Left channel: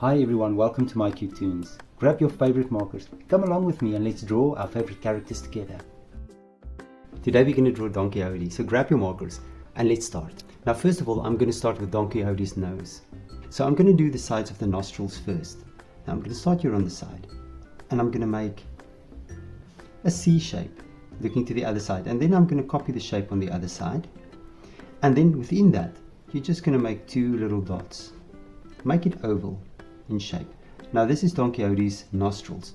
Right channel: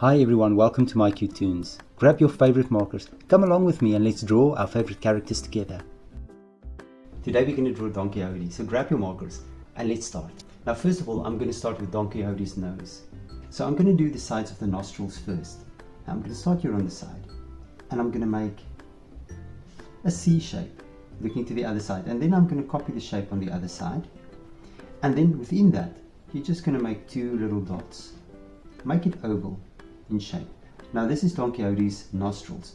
Hi everyone, welcome to mycutetoons. Grab your favorite markers, come along with me and let's draw our favorite characters together. Today we're going to draw Donkey Hodie, so grab your markers and let's start. Now first of all, I'm going to start with Donkey Hodie's nose. So I'm going to do the sides of the nostrils first. Now I'm going to start here on the side and I'm going to make a C shape looking to the other side, and then I'm going to copy the shape on the other side, and then within that you're just going to make two little dots. Make it oval in shape. Now this is Donkey Hodie's nostrils,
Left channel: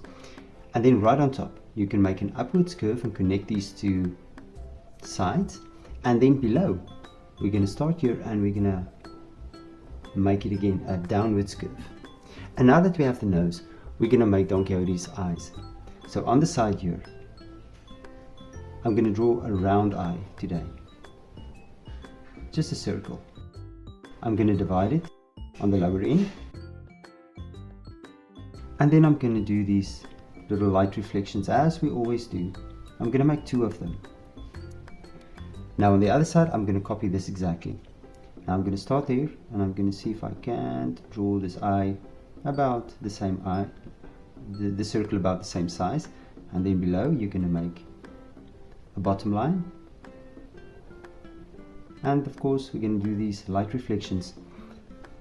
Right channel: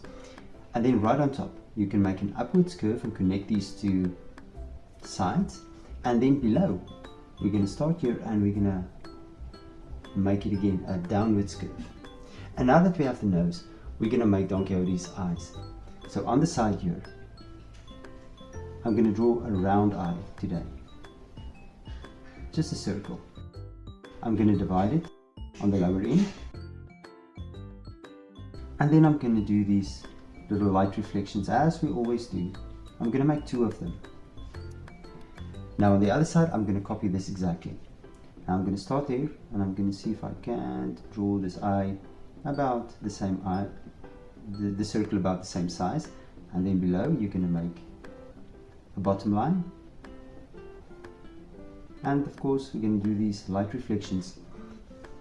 and then right on top you can make an upwards curve and connect these two sides, and then below we're going to start here and we're going to make it again a downwards curve. And now that we have the nose, we're going to make Donkey Hodie's eyes. So on the side here I'm going to draw a round eye today, just a circle. I'm going to divide it on the lower end, and then I'm going to do these little light reflections as we always do. I'm going to make two of them. Now on the other side I'm going to copy this exactly. Now I'm going to start there and I'm going to see if I can draw this eye about the same eye, the circle about the same size, and then below you're going to make a bottom line, and of course we're going to do these light reflections.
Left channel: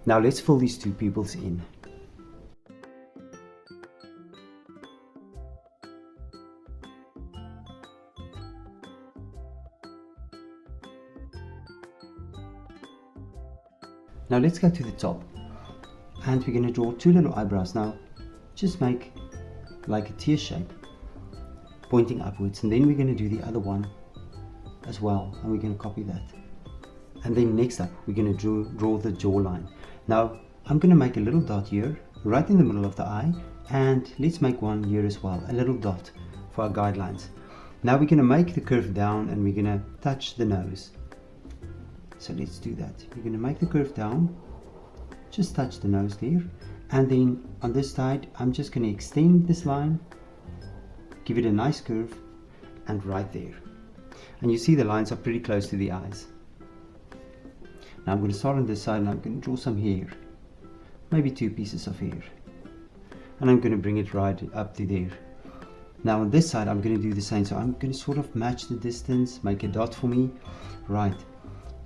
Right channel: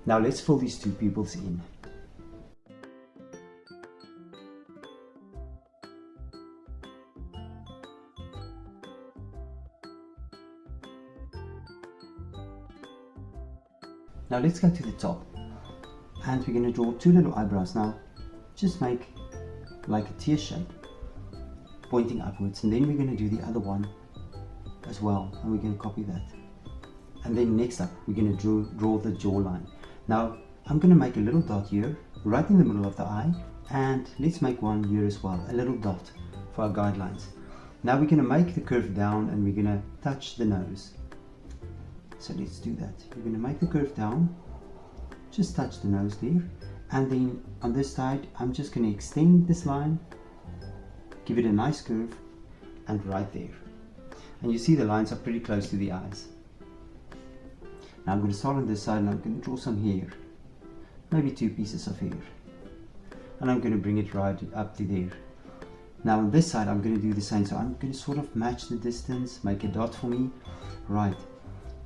Now let's fill these two pupils in. Now let's go to the top and we're going to draw two little eyebrows. Now just make like a tear shape pointing upwards, and then we're going to do the other one as well, and we're going to copy that. And then next up we're going to draw the jawline. Now I'm going to make a little dot here right in the middle of the eye, and let's make one here as well, a little dot for our guidelines. Now we're going to make the curve down and we're going to touch the nose. So let's do that. We're going to make the curve down, just touch the nose there, and then on this side I'm just going to extend this line, give it a nice curve, and right there. And you see the lines are pretty close to the eyes. Now I'm going to start on this side and I'm going to draw some hair, maybe two pieces of hair, and I'm going to bring it right up to there. Now on this side I'm going to do the same, so I'm going to sort of match the distance, make a dot for me. Right,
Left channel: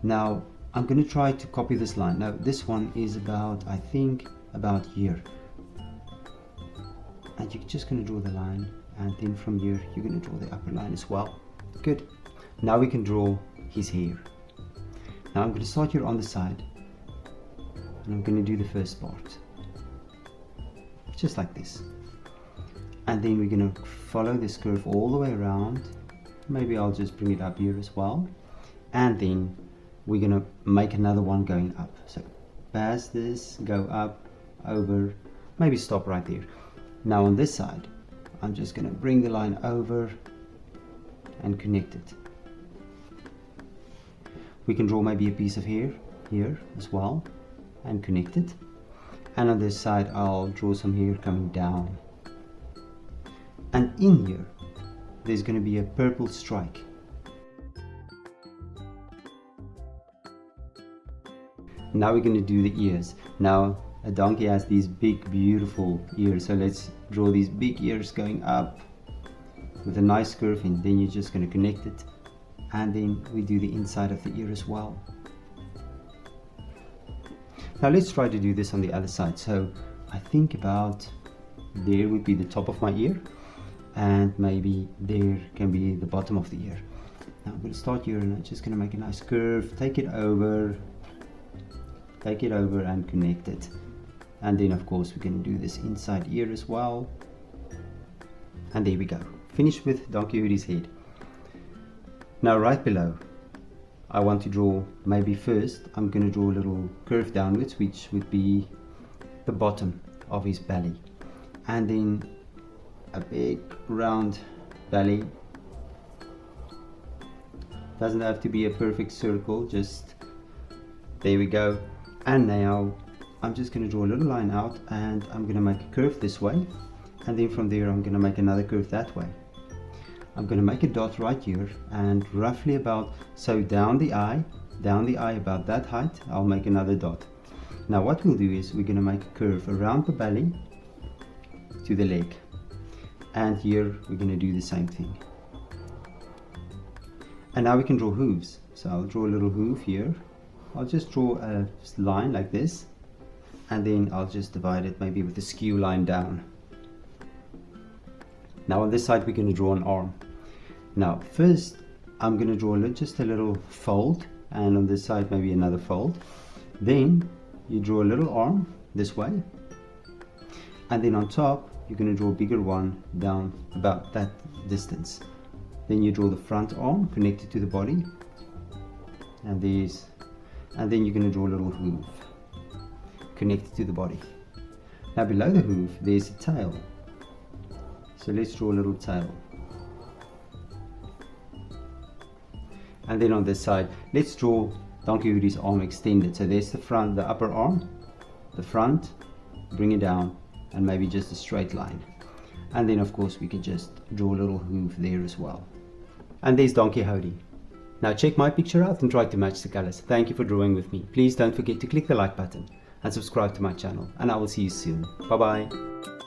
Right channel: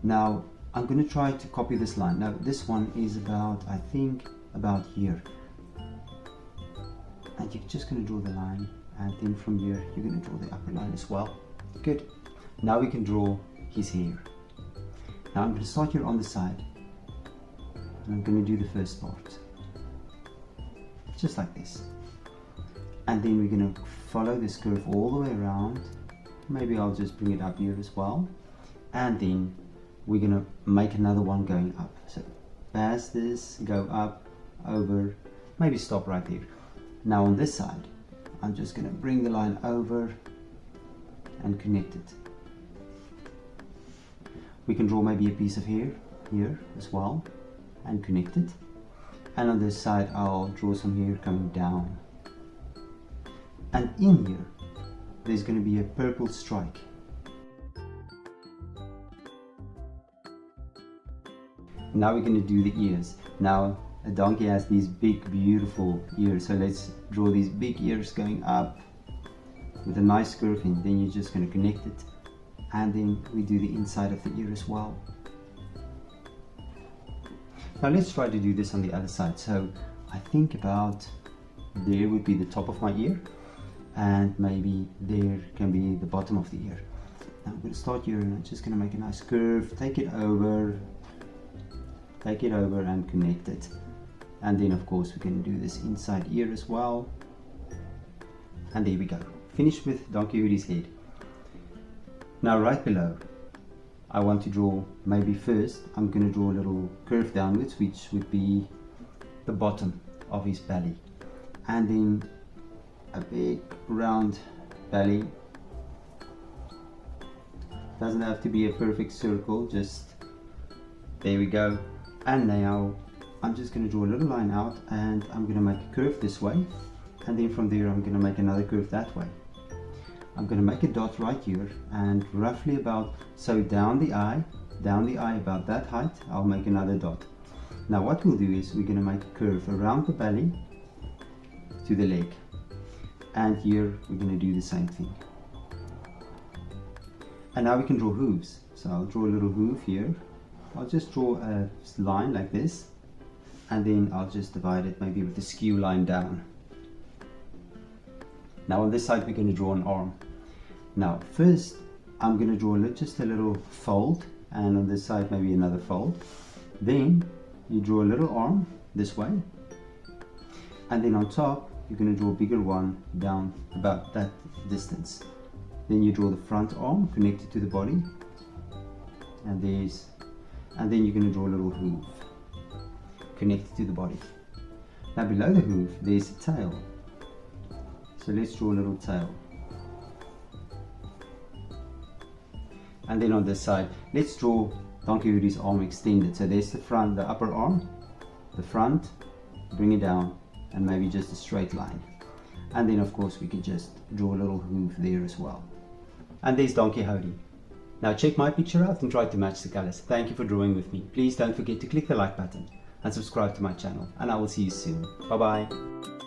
now I'm going to try to copy this line. Now this one is about, I think, about here, and you're just going to draw the line, and then from here you're going to draw the upper line as well. Good. Now we can draw his hair. Now I'm going to start here on the side and I'm going to do the first part just like this, and then we're going to follow this curve all the way around. Maybe I'll just bring it up here as well, and then we're going to make another one going up. So pass this, go up, over, maybe stop right there. Now on this side I'm just going to bring the line over and connect it. We can draw maybe a piece of hair here as well and connect it. And on this side I'll draw some hair coming down. And in here there's going to be a purple strike. Now we're going to do the ears. Now a donkey has these big beautiful ears, so let's draw these big ears going up with a nice curve, and then you're just going to connect it. And then we do the inside of the ear as well. Now let's try to do this on the other side. So I think about there would be the top of my ear, and maybe there can be the bottom of the ear. Now I'm going to start here and I'm just going to make a nice curve, take it over and connect it. And then of course we can do this inside ear as well. And there we go, finished with Donkey Hodie's head. Now right below I want to draw, maybe first I'm going to draw a little curve downwards, which would be the bottom of his belly, and then a big round belly. Doesn't have to be a perfect circle, just there we go. And now I'm just going to draw a little line out, and I'm going to make a curve this way, and then from there I'm going to make another curve that way. I'm going to make a dot right here, and roughly about, so down the eye about that height, I'll make another dot. Now what we'll do is we're going to make a curve around the belly to the leg, and here we're going to do the same thing. And now we can draw hooves. So I'll draw a little hoof here. I'll just draw a line like this, and then I'll just divide it maybe with a skew line down. Now on this side we're going to draw an arm. Now first I'm going to draw just a little fold, and on this side maybe another fold. Then you draw a little arm this way, and then on top you're going to draw a bigger one down about that distance. Then you draw the front arm connected to the body, and then you're going to draw a little hoof connected to the body. Now below the hoof there's a tail, so let's draw a little tail. And then on this side let's draw Donkey Hodie's arm extended. So there's the front, the upper arm, the front, bring it down, and maybe just a straight line. And then of course we can just draw a little hoof there as well. And there's Donkey Hodie. Now check my picture out and try to match the colors. Thank you for drawing with me. Please don't forget to click the like button and subscribe to my channel, and I will see you soon. Bye bye.